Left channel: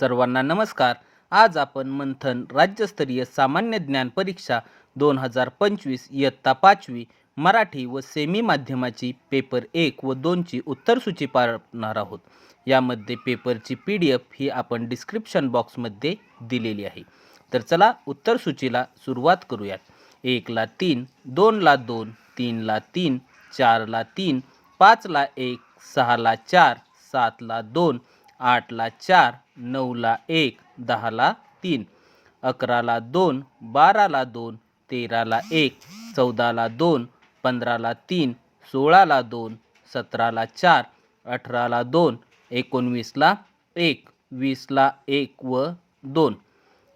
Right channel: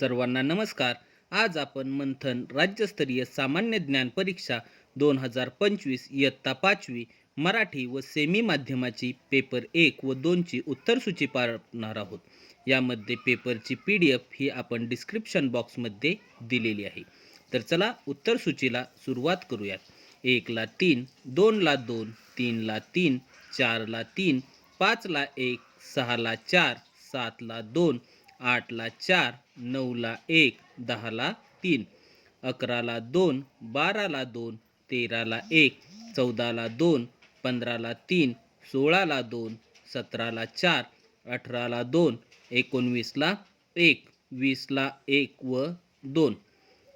सर्वांना नमस्कार. आज आपण मंथन राज्यस्तरीय सामान्य ज्ञान परीक्षा दोन हजार पंचवीस इयत्ता पाचवी मराठी व सेमी माध्यमाची पेपर एक व दोनची उत्तरसूची पाहणार आहोत. यामध्ये पेपरची पी डी एफ ही आपण डिस्क्रिप्शन बॉक्समध्ये दिलेली आहे. तर चला उत्तरसूचीला सुरुवात करूयात. एकला तीन दोनला दोन तीनला तीन चारला तीन पाचला एक सहाला चार सातला दोन आठला चार नऊला एक दहाला तीन अकराला दोन बाराला दोन तेराला एक चौदाला दोन पंधराला तीन सोळाला दोन सतराला चार अठराला दोन एकोणवीसला एक वीसला एक व दोन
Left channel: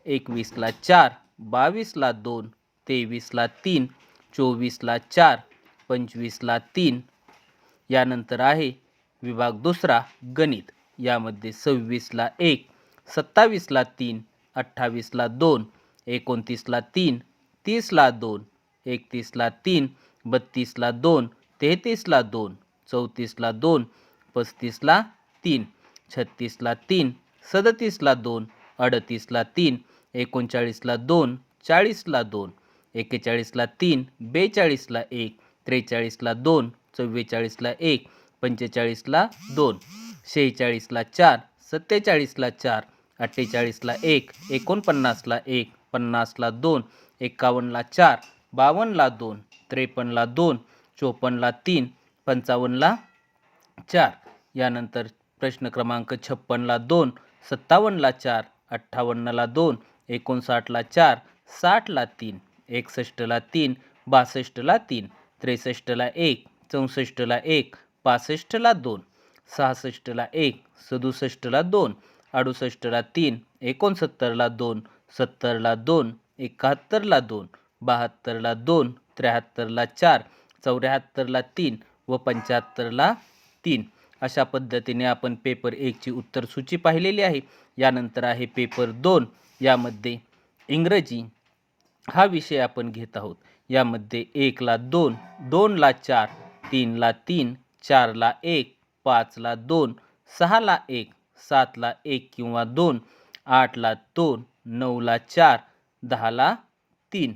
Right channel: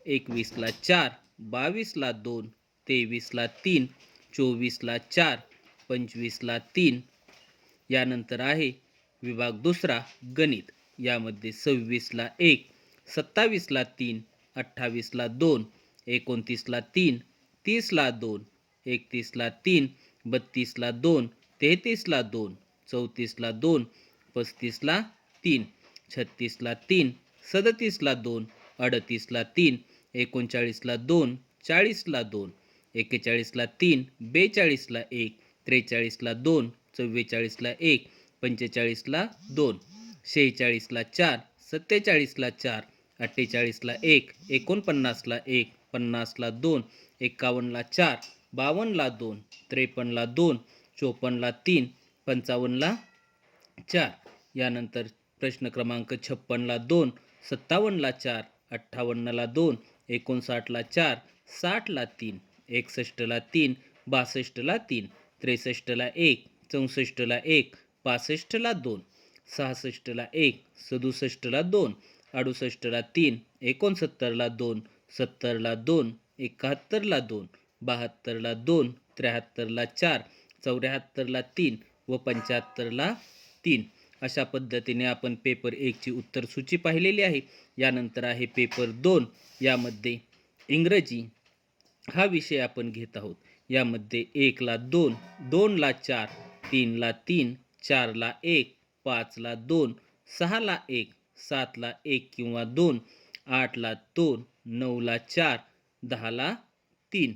एकवीसला चार बावीसला दोन तेवीसला तीन चोवीसला चार पंचवीसला तीन. यानंतर आहे विभाग दुसरा गणित. यामध्ये सव्वीसला एक सत्तावीसला तीन अठ्ठावीसला दोन एकोणतीसला तीन तीसला दोन एकतीसला तीन बत्तीसला दोन तेहतीसला दोन चौतीसला दोन पस्तीसला तीन छत्तीसला तीन सदतीसला दोन अडतीसला तीन एकोणचाळीसला दोन चाळीसला दोन एक्केचाळीसला तीन बेचाळीसला एक त्रेचाळीसला दोन चव्वेचाळीसला एक पंचेचाळीसला दोन. शेहेचाळीसला चार सत्तेचाळीसला चार अठ्ठेचाळीसला एक एकोणपन्नासला एक पन्नासला दोन एकावन्नला चार बावन्नला दोन त्रेपन्नला दोन चोपन्नला तीन पंचावन्नला चार. यानंतर प्रश्न क्रमांक छप्पनला दोन सत्तावन्नला चार अठ्ठावन्नला दोन एकोणसाठला चार साठला तीन एकसष्टला तीन बासष्टला तीन त्रेसष्टला एक चौसष्टला एक पासष्टला दोन. सहासष्टला एक सदुसष्टला दोन अडुसष्टला तीन एकोणसत्तरला दोन सत्तरला दोन एकाहत्तरला दोन बहात्तरला दोन त्र्याहत्तरला चार चौऱ्याहत्तरला तीन व पंच्याहत्तरला तीन. अशा पद्धतीने आपण पेपर एकची उत्तरसूची पाहिलेली आहे. यानंतर आहे पेपर दोन. यामध्ये इंग्रजी हा विषय आपण घेत आहोत. यामध्ये एकला दोन दोनला चार तीनला तीन चारला एक पाचला दोन सहाला एक सातला एक किंवा दोन आठला दोन नऊला चार दहाला तीन.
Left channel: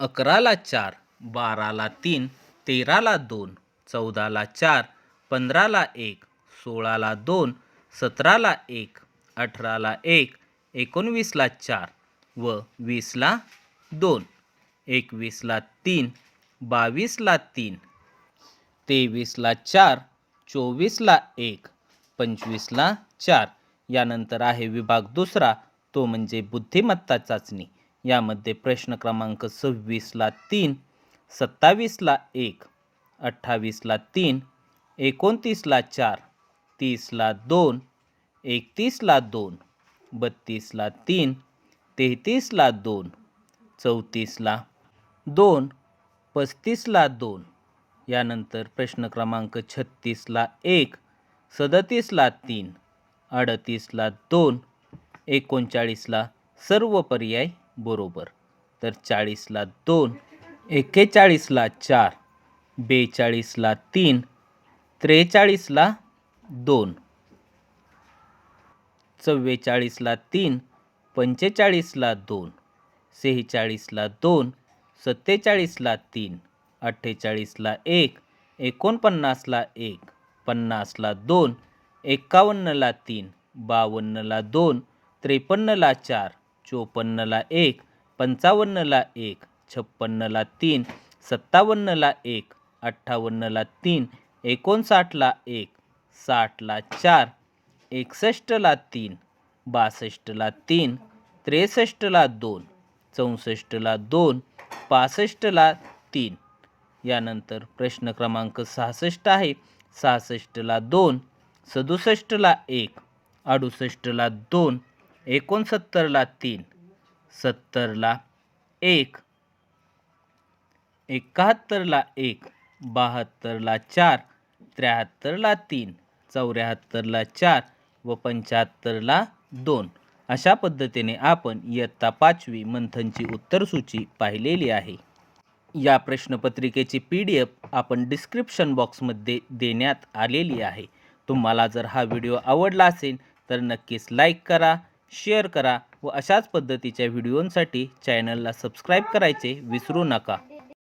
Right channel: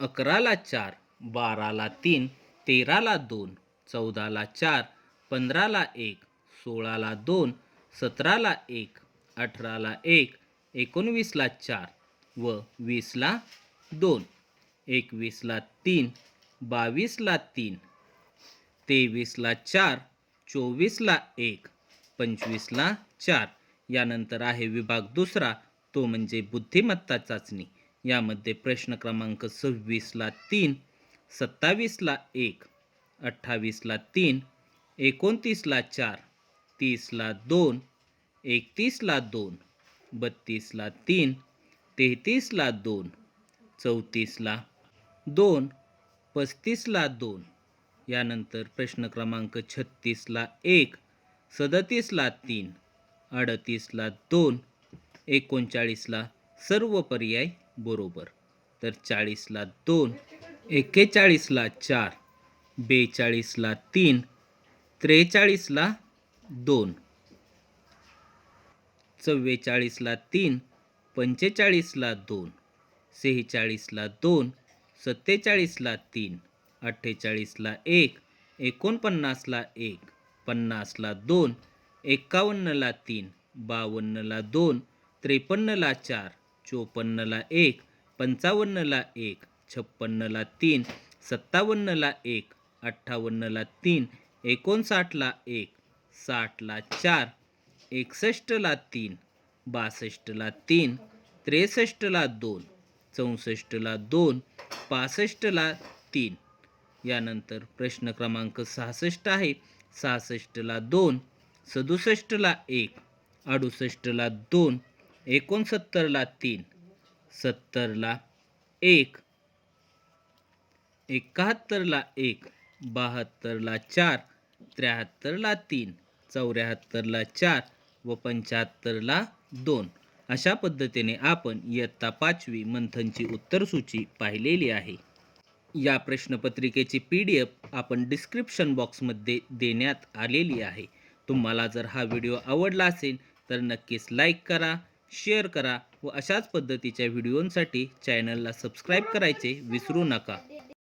अकराला चार बाराला तीन तेराला दोन चौदाला चार पंधराला एक सोळाला दोन सतराला एक अठराला एक एकोणवीसला चार व वीसला दोन एकवीसला तीन बावीसला तीन तेवीसला चार चोवीसला एक पंचवीसला चार. यानंतर आहे विभाग दुसरा तो म्हणजे बुद्धिमत्ता चाचणी. यामध्ये प्रश्न क्रमांक सव्वीसला तीन सत्तावीसला एक अठ्ठावीसला तीन एकोणतीसला चार तीसला दोन एकतीसला दोन बत्तीसला तीन तेहतीसला दोन चौतीसला दोन पस्तीसला दोन. यानंतर प्रश्न क्रमांक छत्तीसला एक सदतीसला तीन अडतीसला दोन एकोणचाळीसला सर्व पर्याय बरोबर. तर चाळीसला दोन एक्केचाळीसला चार बेचाळीसला तीन त्रेचाळीसला दोन. चव्वेचाळीसला तीन पंचेचाळीसला दोन सेहेचाळीसला दोन सत्तेचाळीसला तीन. अठ्ठेचाळीसला एक एकोणपन्नासला एक पन्नासला दोन एक्कावन्नला तीन बावन्नला दोन त्रेपन्नला चार चोपन्नला एक पंचावन्नला एक छप्पन्नला तीन सत्तावन्नला एक अठ्ठावन्नला तीन एकोणसाठला एक साठला चार एकसष्टला तीन बासष्टला तीन त्रेसष्टला दोन चौसष्टला दोन पासष्टला तीन. यानंतर प्रश्न क्रमांक सहासष्ट आहे. सहासष्टला दोन सदुसष्टला एक अडुसष्टला दोन एकोणसत्तरला तीन सत्तरला एक एकाहत्तरला एक बहात्तरला चार त्र्याहत्तरला तीन चौऱ्याहत्तरला चार व पंच्याहत्तरला दोन. अशा पद्धतीने आपण इयत्ता पाचवी मंथनची उत्तरसूची पाहिलेली आहे. या प्रश्नपत्रिकेची पी डी एफ आपण डिस्क्रिप्शन बॉक्समध्ये देण्यात आलेली आहे. तुम्हाला जर हा व्हिडिओ आवडला असेल तर नक्कीच लाईक करा शेअर करा व अशाच पद्धतीच्या व्हिडिओंसाठी चॅनलला सबस्क्राईब करायचे विसरू नका.